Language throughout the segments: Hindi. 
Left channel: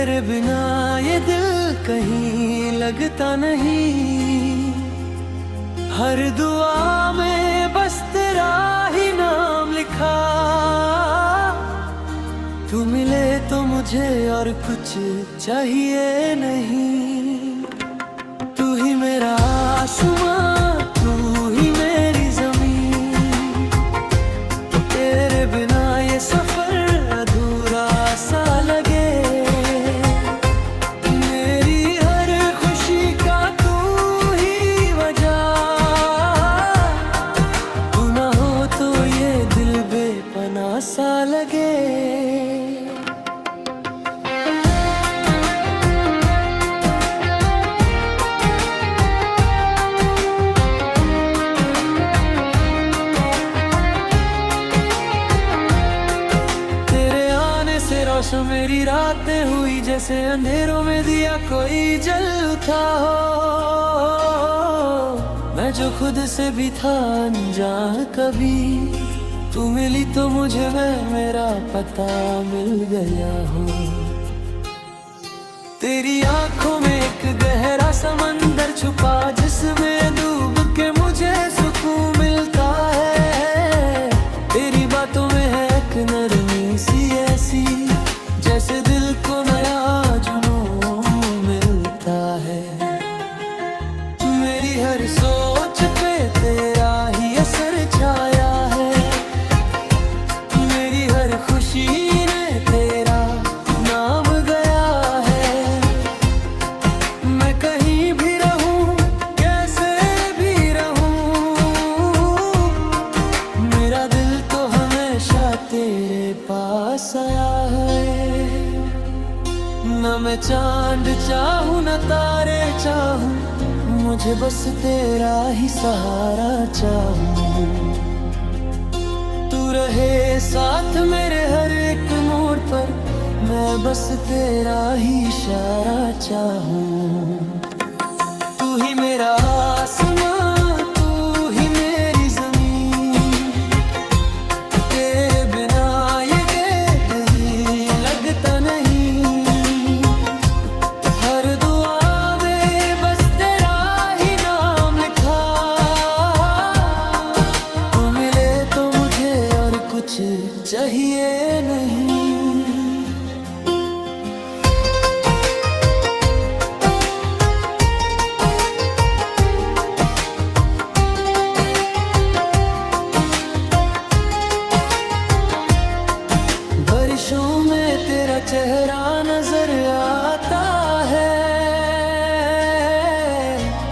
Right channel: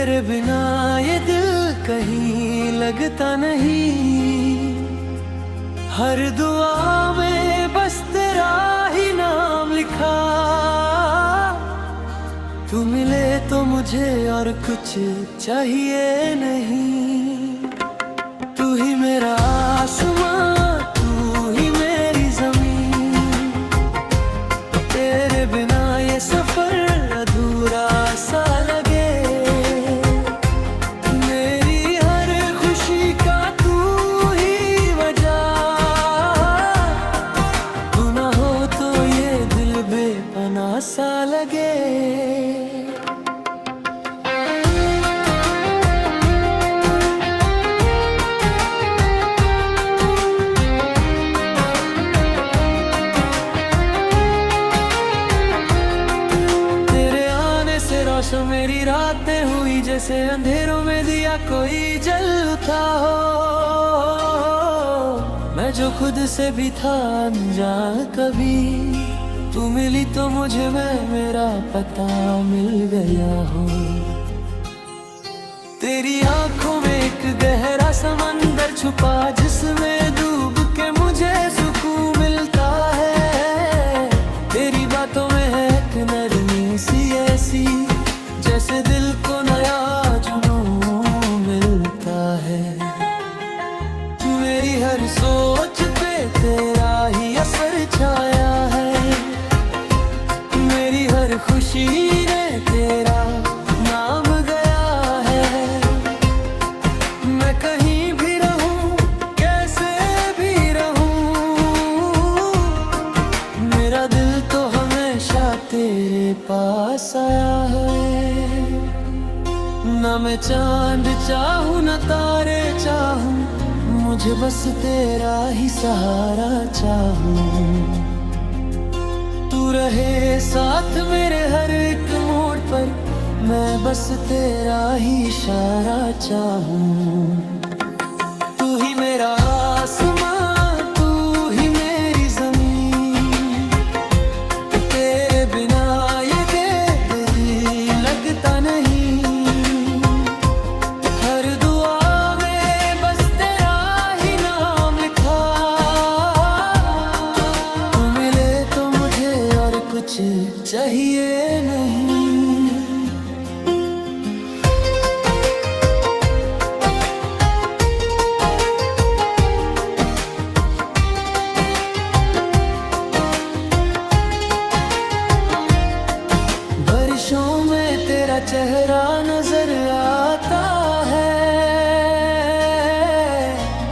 तेरे बिना ये दिल कहीं लगता नहीं। हर दुआ में बस तेरा ही नाम लिखा। तू मिले तो मुझे और कुछ चाहिए नहीं। तू ही मेरा आसमां, तू ही मेरी ज़मीन। तेरे बिना ये सफर अधूरा सा लगे। मेरी हर खुशी का तू ही वजह। तू ना हो तो ये दिल बेपनाह सा लगे। से रोशन मेरी रातें हुई जैसे अंधेरों में दिया कोई जल उठा हो। मैं जो खुद से भी था अनजान कभी। तू मिली तो मुझे मेरा पता मिल गया हो। तेरी आंखों में एक गहरा समंदर छुपा जिसमें डूब के मुझे सुकून मिलता है। तेरी बातों में है एक नरमी सी ऐसी जैसे दिल को नया जुनून मिलता है। मेरी हर सोच पे तेरा ही असर छाया है। मेरी हर खुशी ने तेरा नाम गया है। मैं कहीं भी रहूं कैसे भी रहूं, मेरा दिल तो हमेशा तेरे पास आया है। न मैं चांद चाहूं न तारे चाहूं, मुझे बस तेरा ही सहारा चाहूं। तू रहे साथ मेरे हर एक मोड़ पर, मैं बस तेरा ही इशारा चाहूं। तू ही मेरा आसमां, तू ही मेरी ज़मीन। तेरे बिना ये कहीं लगता नहीं। हर दुआ में बस तेरा ही नाम लिखा। तू मिले तो मुझे और कुछ चाहिए नहीं। बारिशों में तेरा चेहरा नजर आता है।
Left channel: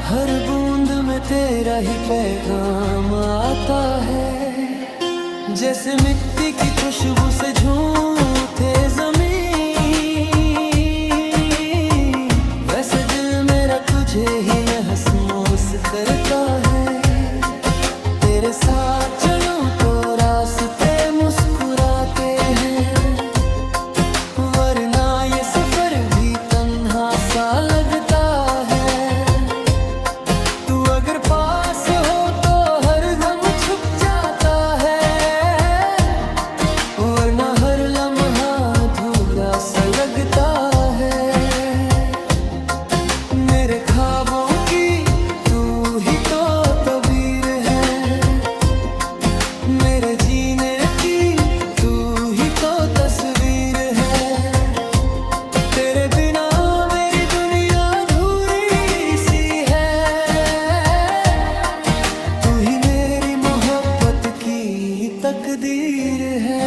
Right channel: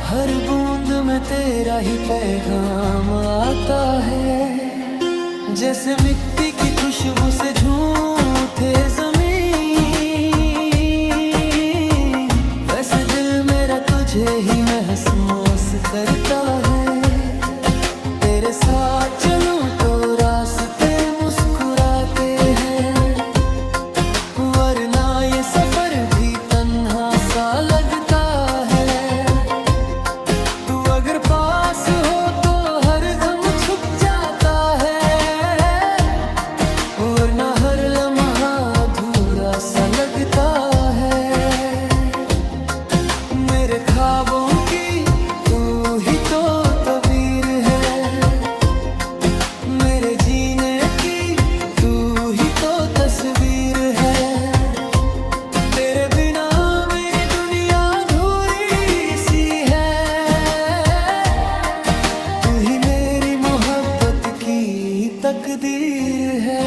हर बूंद में तेरा ही पैगाम आता है। जैसे मिट्टी की खुशबू से झूठे ज़मीन, वैसे दिल मेरा तुझे ही महसूस करता है। तेरे साथ चलूं तो रास्ते मुस्कुराते हैं, वरना ये सफर भी तन्हा सा लगता है। तू अगर पास हो तो हर गम छुप जाता है, वरना हर लम्हा अधूरा सा लगता है। मेरे ख्वाबों की तू ही तो तबीर है। मेरे जीने की तू ही तो तस्वीर है। तेरे बिना मेरी दुनिया अधूरी सी है। तू ही मेरी मोहब्बत की तकदीर है।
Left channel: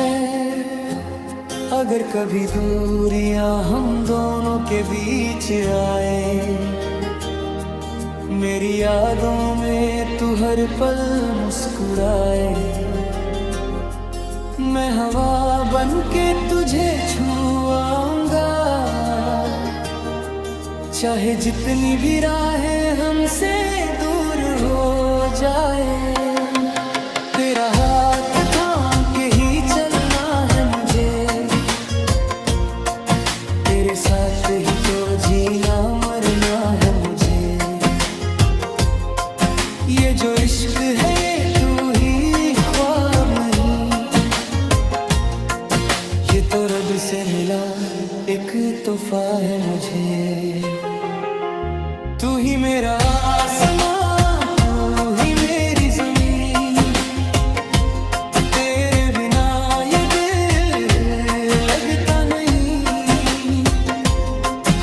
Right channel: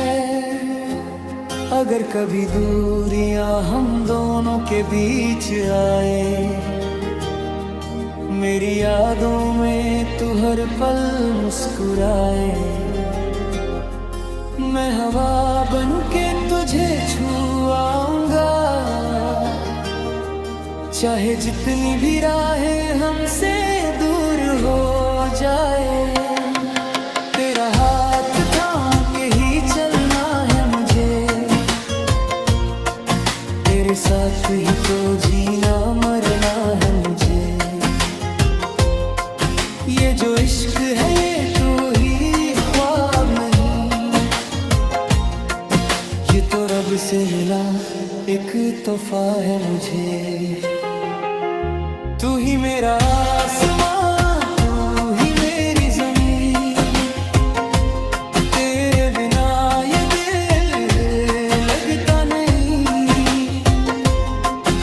अगर कभी दूरियां हम दोनों के बीच आए, मेरी यादों में तू हर पल मुस्कुराए। मैं हवा बनके तुझे छुआऊंगा, चाहे जितनी भी राहें हमसे दूर हो जाए। तेरा हाथ थाम के ही चलना है मुझे, तेरे साथ ही तो जीना मरना है मुझे। ये जो इश्क है ये तू ही ख्वाब नहीं, ये तो रब से मिला एक तोहफा है मुझे। तू ही मेरा आसमां, तू ही मेरी जमीन, तेरे बिना ये दिल लगता नहीं।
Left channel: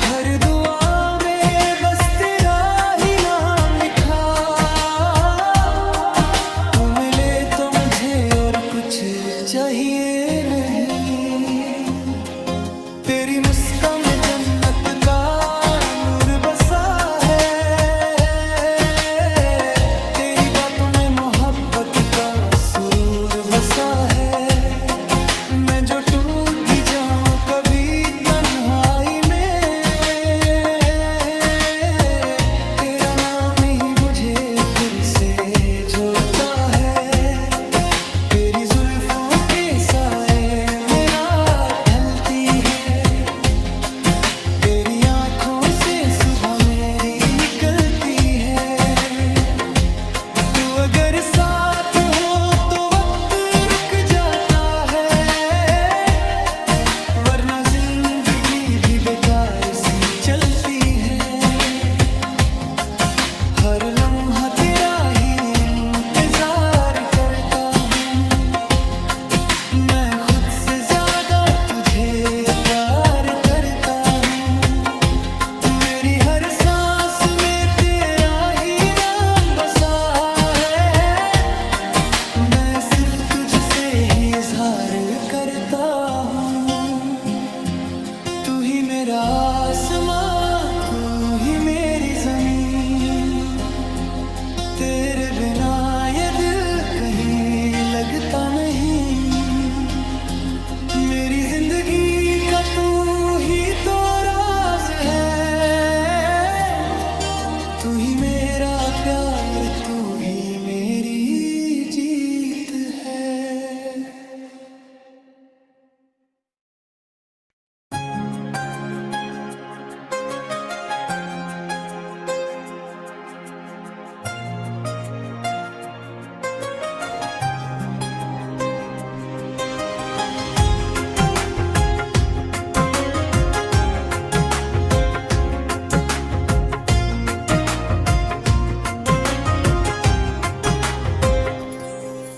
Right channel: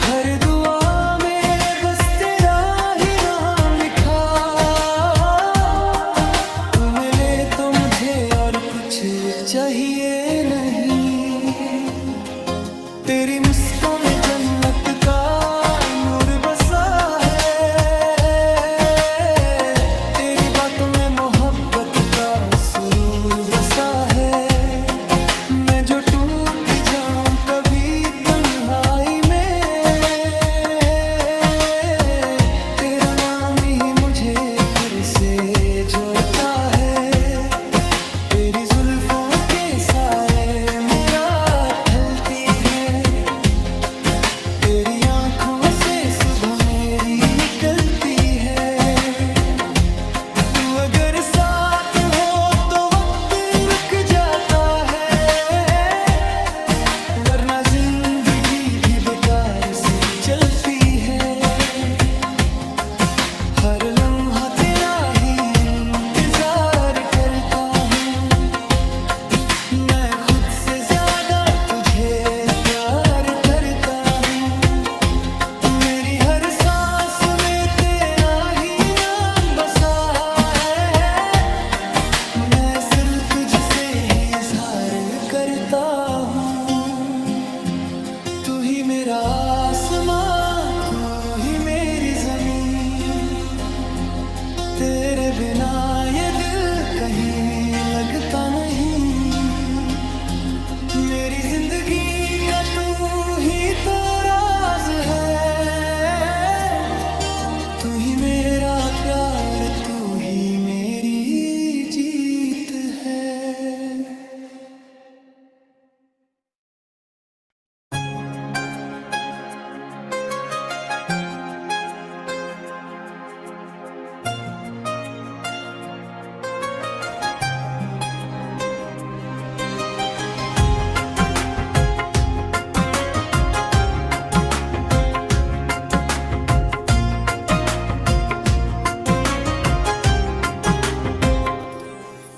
हर दुआ में बस तेरा ही नाम लिखा, तू मिले तो मुझे और कुछ चाहिए नहीं। तेरी मुस्कान में जन्नत का नूर बसा है, तेरी बातों में मोहब्बत का सुरूर बसा है। मैं जो टूट भी जाऊं कभी तन्हाई में, तेरा नाम ही मुझे फिर से जोड़ता है। तेरी जुल्फों के साए मेरा ढलती है, तेरी आंखों से सुबह मेरी निकलती है। तू अगर साथ हो तो वक्त रुक जाता है, वरना जिंदगी भी बेकार सी चलती है। हर लम्हा तेरा ही इंतजार करता हूँ, मैं खुद से ज्यादा तुझे प्यार करता हूँ। मेरी हर सांस में तेरा ही नाम बसा है, मैं सिर्फ तुझसे ही इजहार करता हूँ। तू ही मेरा आसमां, तू ही मेरी जमीन, तेरे बिना ये दिल कहीं लगता नहीं। मेरी जिंदगी का तू ही तो राज है, तू ही मेरा प्यार, तू ही मेरी जीत है।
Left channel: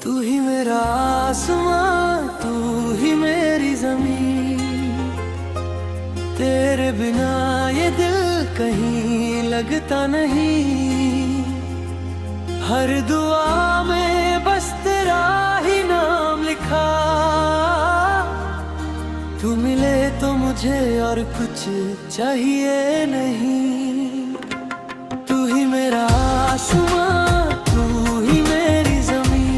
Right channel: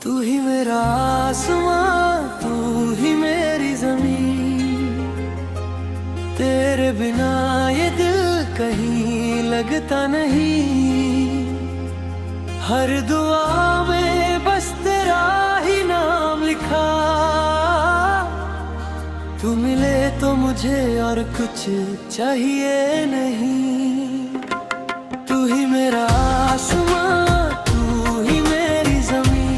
तू ही मेरा आसमां, तू ही मेरी जमीन, तेरे बिना ये दिल कहीं लगता नहीं। हर दुआ में बस तेरा ही नाम लिखा, तू मिले तो मुझे और कुछ चाहिए नहीं। तू ही मेरा आसमां, तू ही मेरी जमीन,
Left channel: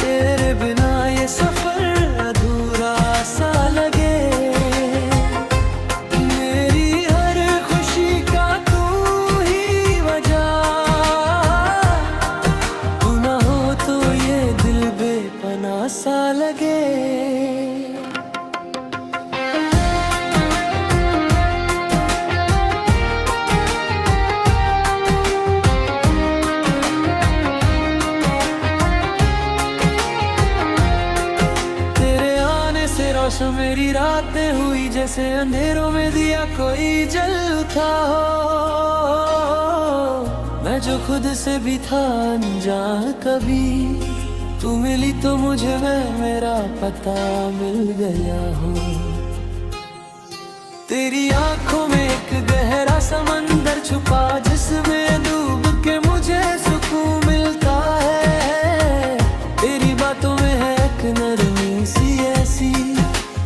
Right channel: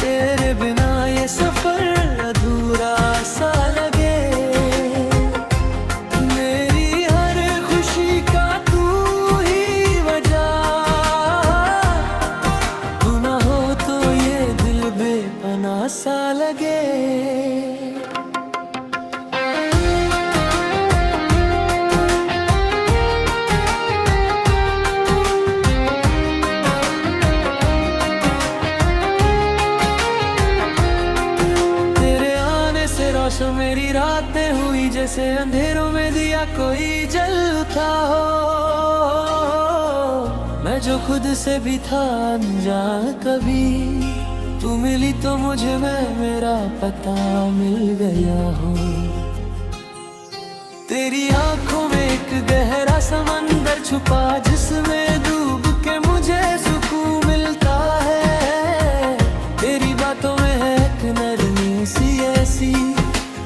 तेरे बिना ये सफर अधूरा सा लगे। मेरी हर खुशी का तू ही वजह, तू ना हो तो ये दिल बेपनाह सा लगे। रोशन मेरी रातें हुई जैसे अंधेरों में दिया कोई जल उठा हो। मैं जो खुद से भी था अनजान कभी, तू मिली तो मुझे मेरा पता मिल गया हो। तेरी आंखों में एक गहरा समंदर छुपा, जिसमें डूब के मुझे सुकून मिलता है। तेरी बातों में है एक नरमी सी ऐसी,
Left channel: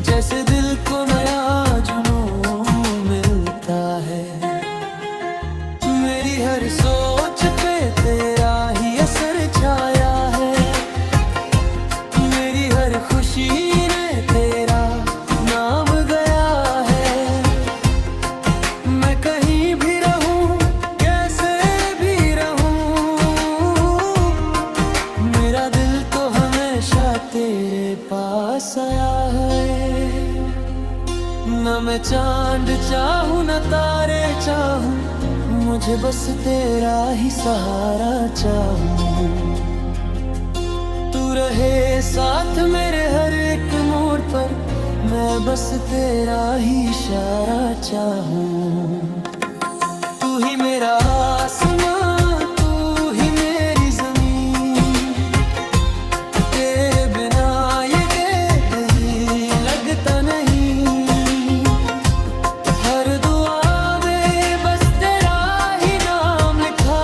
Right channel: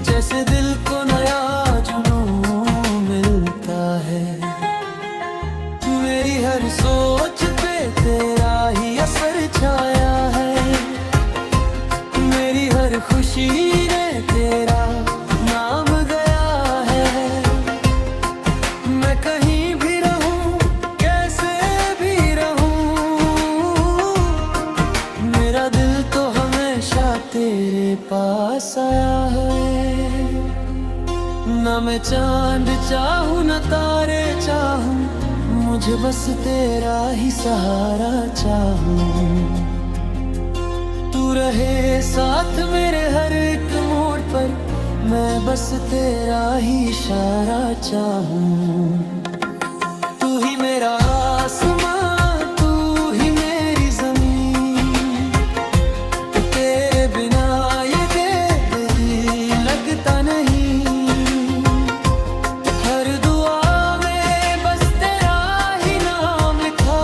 जैसे दिल को नया जुनून मिलता है। मेरी हर सोच पे तेरा ही असर छाया है, मेरी हर खुशी ने तेरा नाम गया है। मैं कहीं भी रहूं, कैसे भी रहूं, मेरा दिल तो हमेशा तेरे पास आया है। न मैं चांद चाहूं न तारे चाहूं, मुझे बस तेरा ही सहारा चाहूं। तू रहे साथ मेरे हर एक मोड़ पर, मैं बस तेरा ही इशारा चाहूं। तू ही मेरा आसमां, तू ही मेरी जमीन, तेरे बिना ये दिल ही लगता नहीं। हर दुआ में बस तेरा ही नाम लिखा,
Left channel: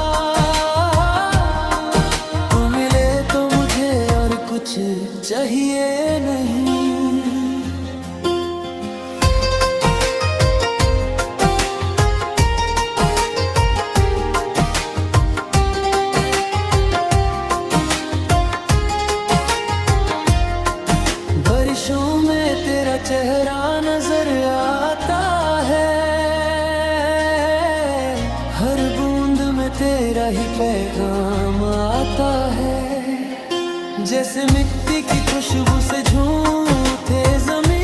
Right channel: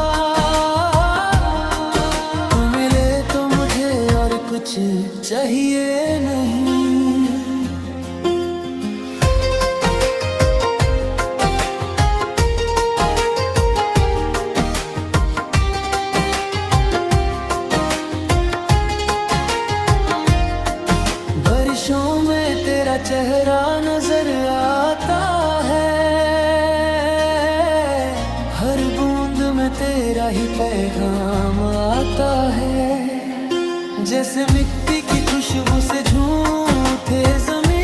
तू मिले तो मुझे और कुछ चाहिए नहीं। बारिशों में तेरा चेहरा नजर आता है, हर बूंद में तेरा ही पैगाम आता है। जैसे मिट्टी की खुशबू से झूठे जमीन,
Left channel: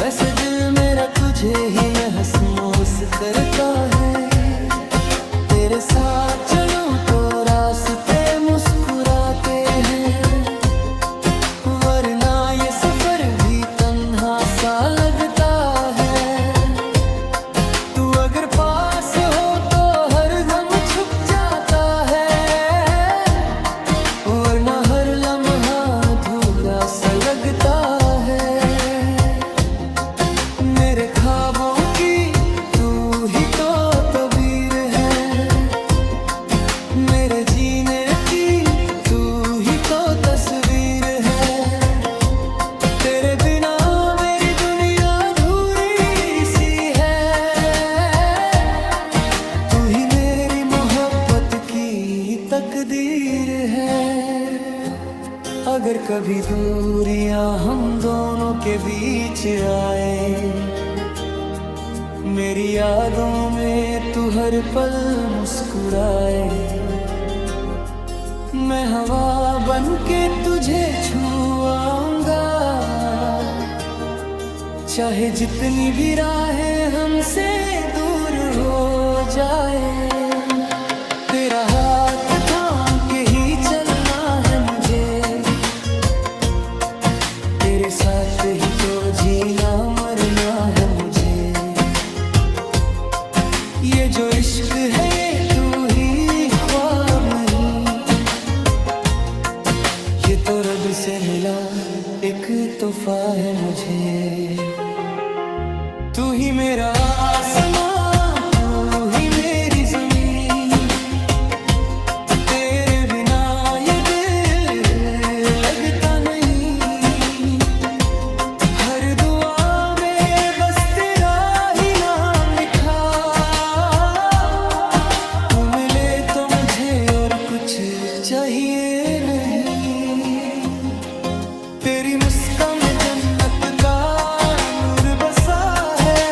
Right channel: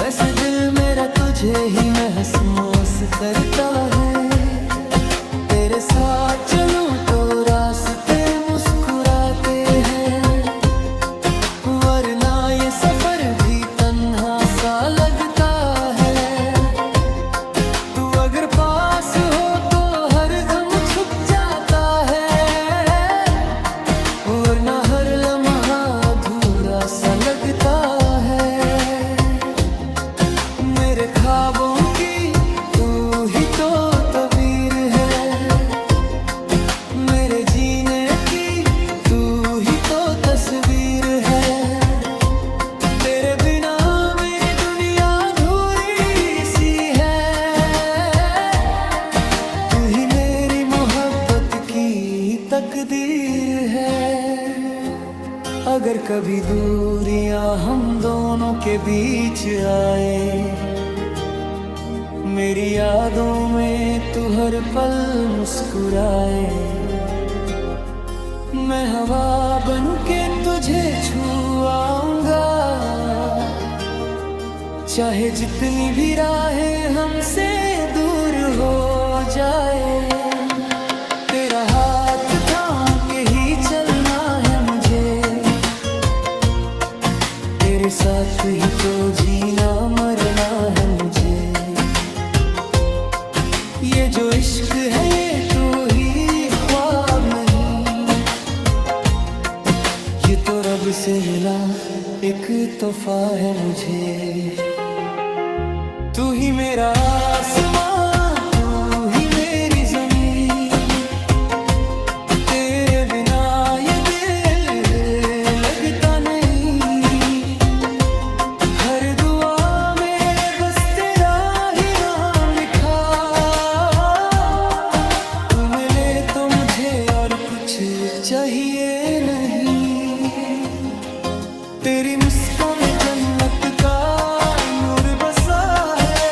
वैसे दिल मेरा तुझे ही महसूस करता है। तेरे साथ चलूं तो रास्ते मुस्कुराते हैं, वरना ये सफर भी तन्हा सा लगता है। तू अगर पास हो तो हर गम छुप जाता है, वरना हर लम्हा अधूरा सा लगता है। मेरे ख्वाबों की तू ही तो तबीर है, मेरे जीने की तू ही तो तस्वीर है। तेरे बिना मेरी दुनिया अधूरी सी है, तू ही मेरी मोहब्बत की तकदीर है। अगर कभी दूरियां हम दोनों के बीच आए, मेरी यादों में तू हर पल मुस्कुराए, मैं हवा बनके तुझे छुआऊंगा। चाहे जितनी भी राहें हमसे दूर हो जाए, तेरा हाथ थाम के ही चलना है मुझे। तेरे साथ ही तो जीना मरना है मुझे। ये जो इश्क है ये तू ही ख्वाब नहीं, ये तो रब से मिला एक तोहफा है मुझे। तू ही मेरा आसमां, तू ही मेरी जमीन, तेरे बिना ये दिल लगता नहीं। हर दुआ में बस तेरा ही नाम लिखा, तू मिले तो मुझे और कुछ चाहिए नहीं। तेरी मुस्कान में जन्नत का नूर बसा है,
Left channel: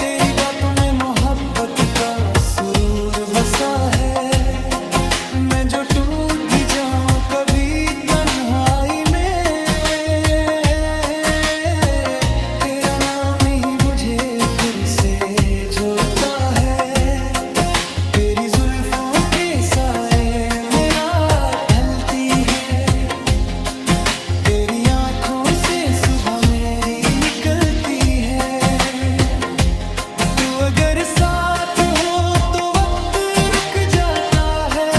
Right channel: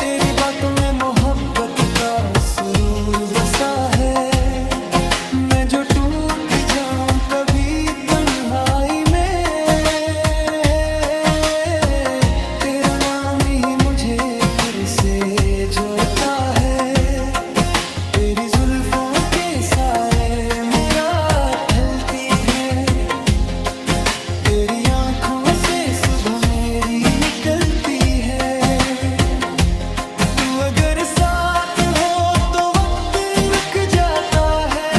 तेरी बातों में मोहब्बत का सुरूर बसा है। मैं जो टूट भी जाऊं कभी तन्हाई में, तेरा नाम ही मुझे फिर से जोड़ता है। तेरी जुल्फों के साए मेरा ढलती है, तेरी आंखों से सुबह मेरी निकलती है। तू अगर साथ हो तो वक्त रुक जाता है,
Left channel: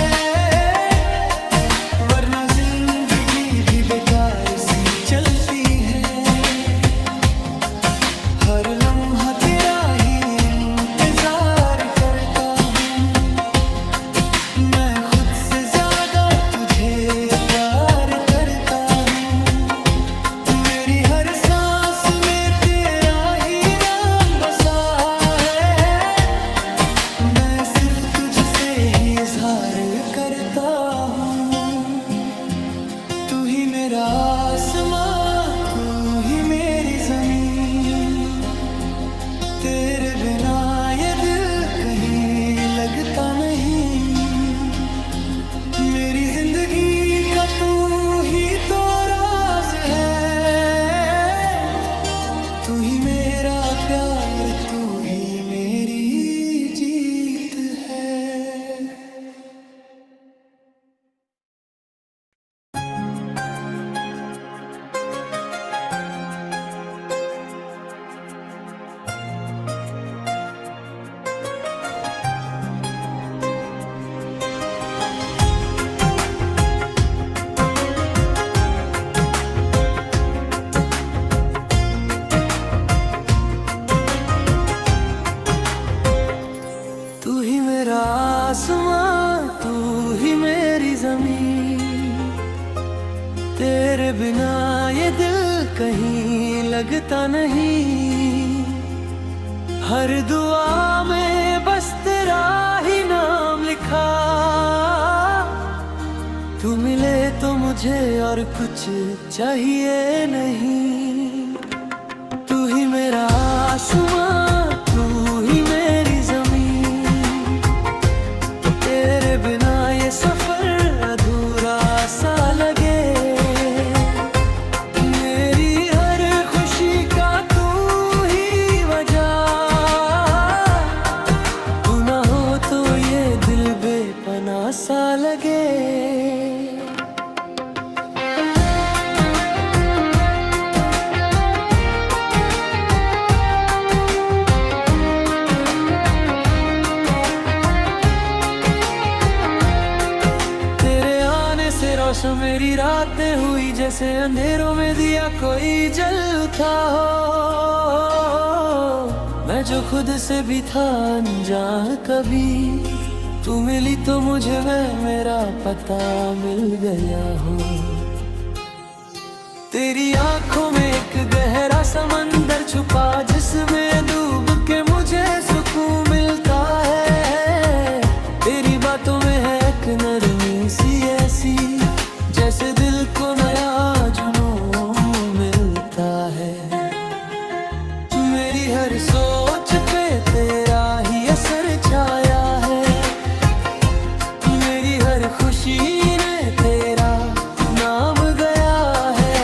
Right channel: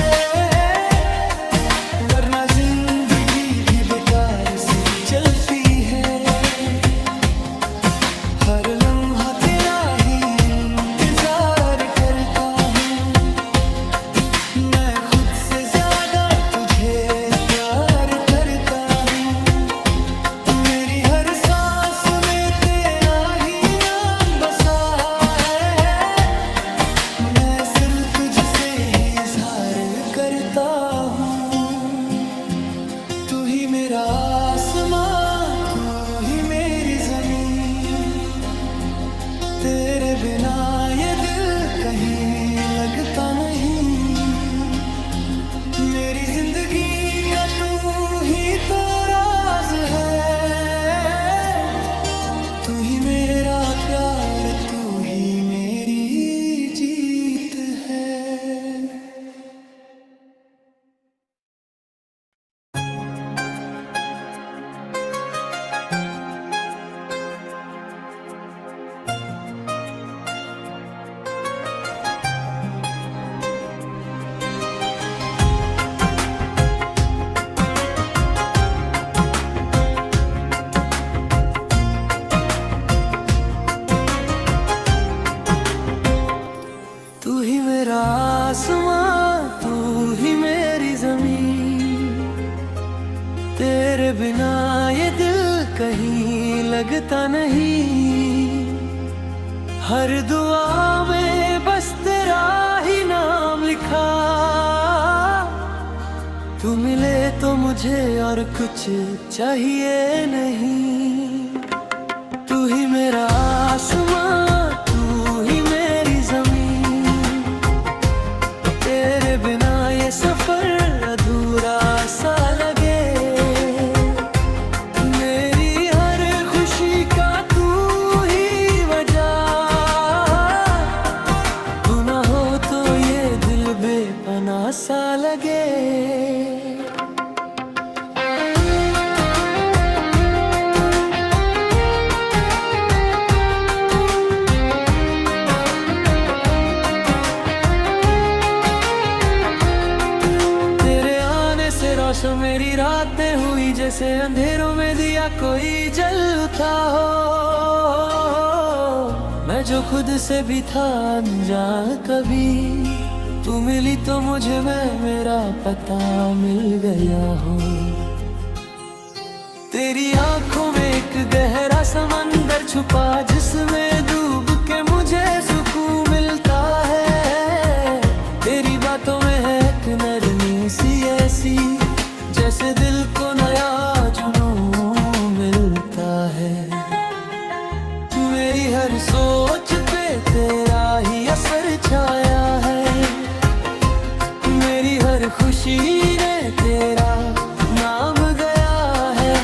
वरना जिंदगी भी बेकार सी चलती है। हर लम्हा तेरा ही इंतजार करता हूँ, मैं खुद से ज्यादा तुझे प्यार करता हूँ। मेरी हर सांस में तेरा ही नाम बसा है, मैं सिर्फ तुझसे ही इजहार करता हूँ। तू ही मेरा आसमां, तू ही मेरी जमीन, तेरे बिना ये दिल कहीं लगता नहीं। मेरी जिंदगी का तू ही तो राज है, तू ही मेरा प्यार, तू ही मेरी जीत है। तेरे बिना ये दिल कहीं लगता नहीं, हर दुआ में बस तेरा ही नाम लिखा। तू मिले तो मुझे और कुछ चाहिए नहीं, तू ही मेरा आसमां, तू ही मेरी ज़मीन। तेरे बिना ये सफर अधूरा सा लगे, मेरी हर खुशी का तू ही वजह। तू ना हो तो ये दिल बेपनाह सा लगे। रोशन मेरी रातें हुई जैसे अंधेरों में दिया कोई जल उठा हो। मैं जो खुद से भी था अनजान कभी, तू मिली तो मुझे मेरा पता मिल गया हो। तेरी आंखों में एक गहरा समंदर छुपा, जिसमें डूब के मुझे सुकून मिलता है। तेरी बातों में है एक नरमी सी ऐसी, जैसे दिल को नया जुनून मिलता है। मेरी हर सोच पे तेरा ही असर छाया है, मेरी हर खुशी ने तेरा नाम गया है।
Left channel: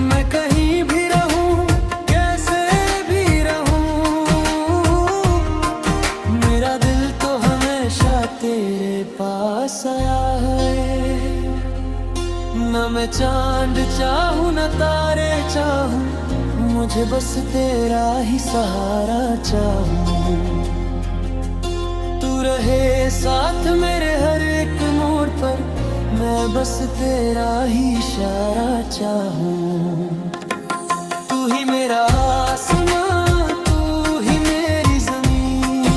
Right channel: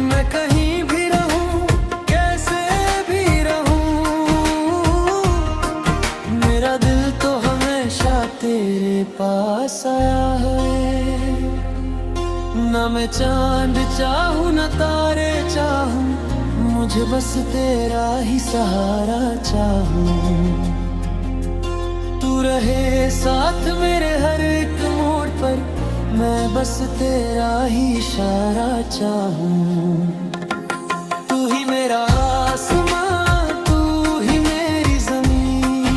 मैं कहीं भी रहूं, कैसे भी रहूं, मेरा दिल तो हमेशा तेरे पास आया है। न मैं चांद चाहूं न तारे चाहूं, मुझे बस तेरा ही सहारा चाहूं। तू रहे साथ मेरे हर एक मोड़ पर, मैं बस तेरा ही इशारा चाहूं। तू ही मेरा आसमां, तू ही मेरी ज़मीन।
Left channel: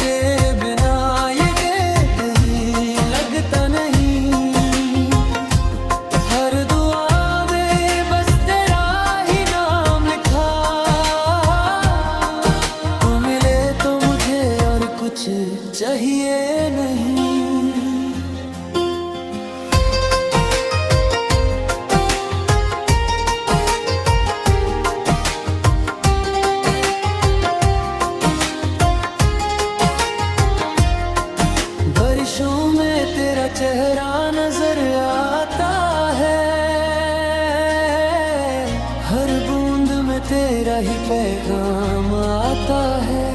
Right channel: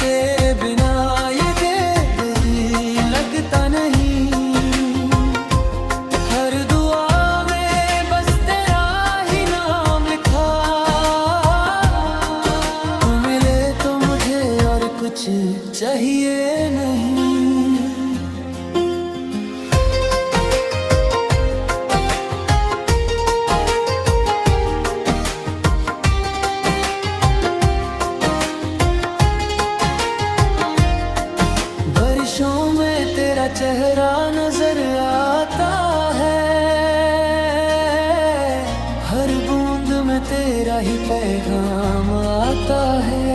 तेरे बिना ये कहीं लगता नहीं, हर दुआ में बस तेरा ही नाम लिखा। तू मिले तो मुझे और कुछ चाहिए नहीं। बारिशों में तेरा चेहरा नजर आता है, हर बूंद में तेरा ही पैगाम आता है।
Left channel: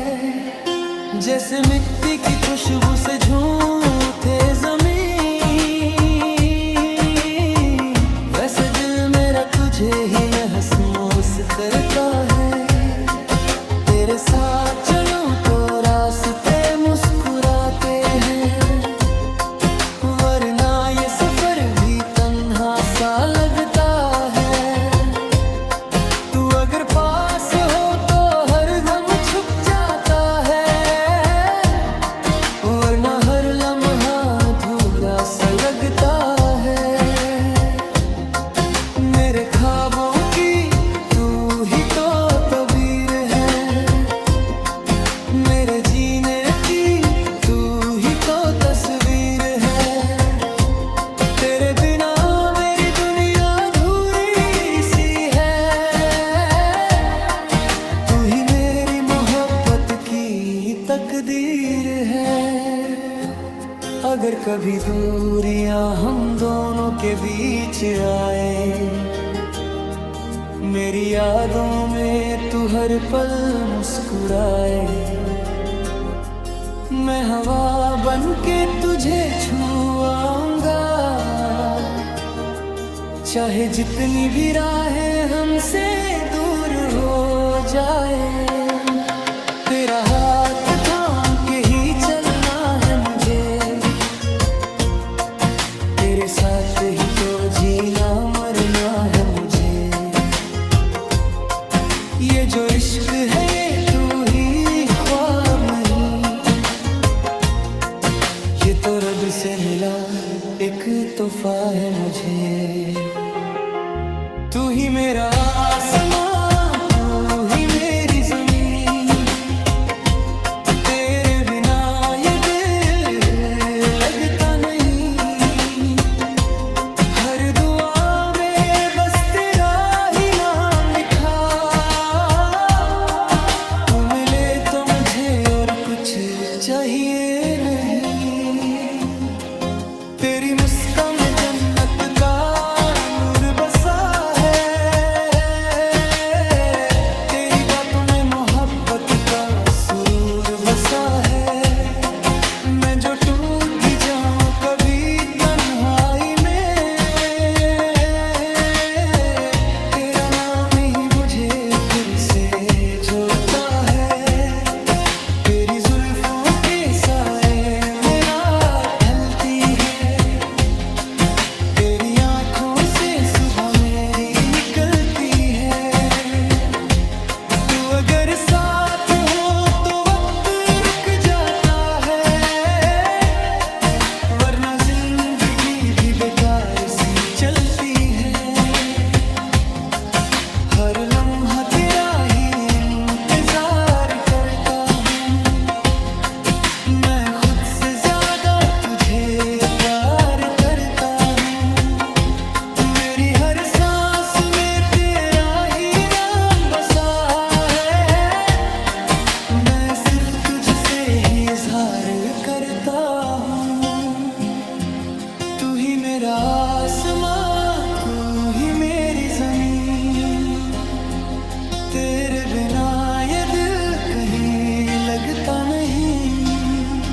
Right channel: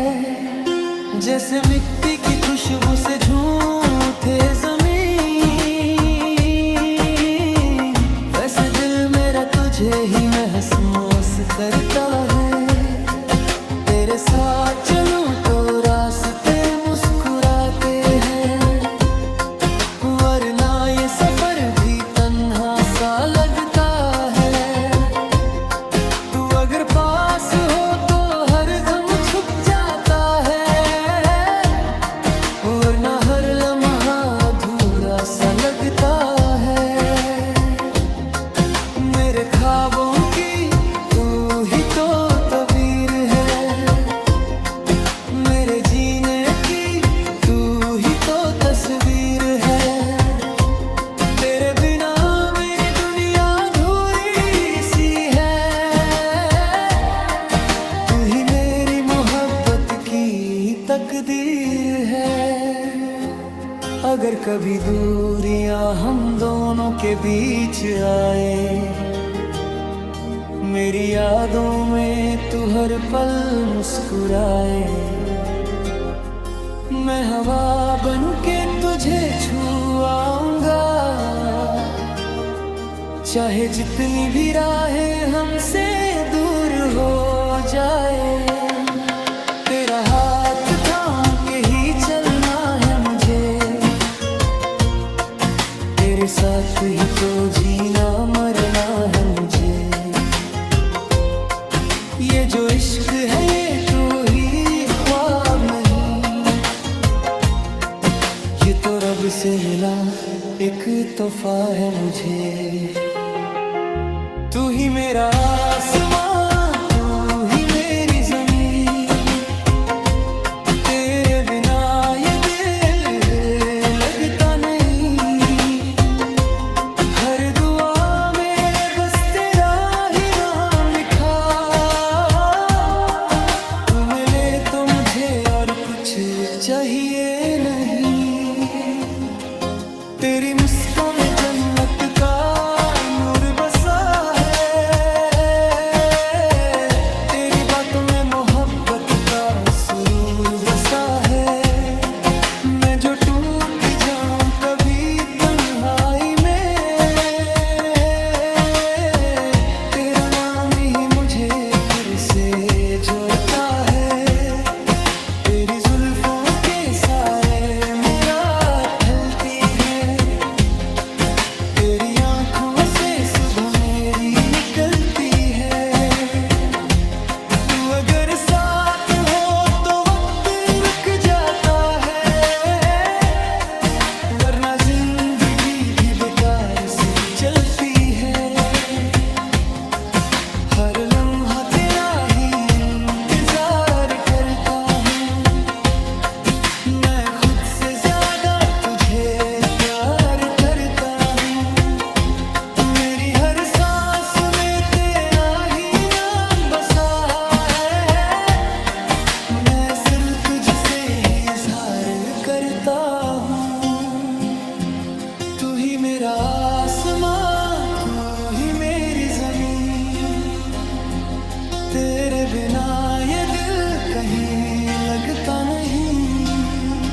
जैसे मिट्टी की खुशबू से झूमते ज़मीन, वैसे दिल मेरा तुझे ही महसूस करता है। तेरे साथ चलूं तो रास्ते मुस्कुराते हैं, वरना ये सफर भी तन्हा सा लगता है। तू अगर पास हो तो हर गम छुप जाता है, वरना हर लम्हा अधूरा सा लगता है। मेरे ख्वाबों की तू ही तो तबीर है, मेरे जीने की तू ही तो तस्वीर है। तेरे बिना मेरी दुनिया अधूरी सी है, तू ही मेरी मोहब्बत की तकदीर है। अगर कभी दूरियां हम दोनों के बीच आए, मेरी यादों में तू हर पल मुस्कुराए। मैं हवा बनके तुझे छुआऊंगा, चाहे जितनी भी राहें हमसे दूर हो जाए। तेरा हाथ थाम के ही चलना है मुझे, तेरे साथ ही तो जीना मरना है मुझे। ये जो इश्क है ये तू ही ख्वाब नहीं, ये तो रब से मिला एक तोहफा है मुझे। तू ही मेरा आसमां, तू ही मेरी ज़मीन, तेरे बिना ये दिल लगता नहीं। हर दुआ में बस तेरा ही नाम लिखा, तू मिले तो मुझे और कुछ चाहिए नहीं। तेरी मुस्कान में जन्नत का नूर बसा है, तेरी बातों में मोहब्बत का सुरूर बसा है। मैं जो टूट भी जाऊं कभी तन्हाई में, तेरा नाम ही मुझे फिर से जोड़ता है। तेरी जुल्फों के साए मेरा ढलती है, तेरी आंखों से सुबह मेरी निकलती है। तू अगर साथ हो तो वक्त रुक जाता है, वरना जिंदगी भी बेकार सी चलती है। हर लम्हा तेरा ही इंतजार करता हूँ, मैं खुद से ज्यादा तुझे प्यार करता हूँ। मेरी हर सांस में तेरा ही नाम बसा है, मैं सिर्फ तुझसे ही इजहार करता हूँ। तू ही मेरा आसमां, तू ही मेरी ज़मीन, तेरे बिना ये दिल कहीं लगता नहीं।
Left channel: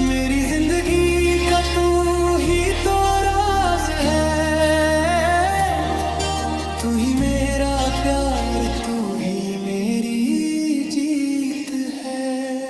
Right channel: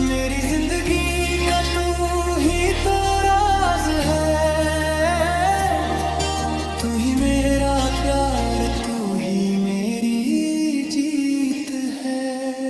मेरी जिंदगी का तू ही तो राज है, तू ही मेरा प्यार, तू ही मेरी जीत है।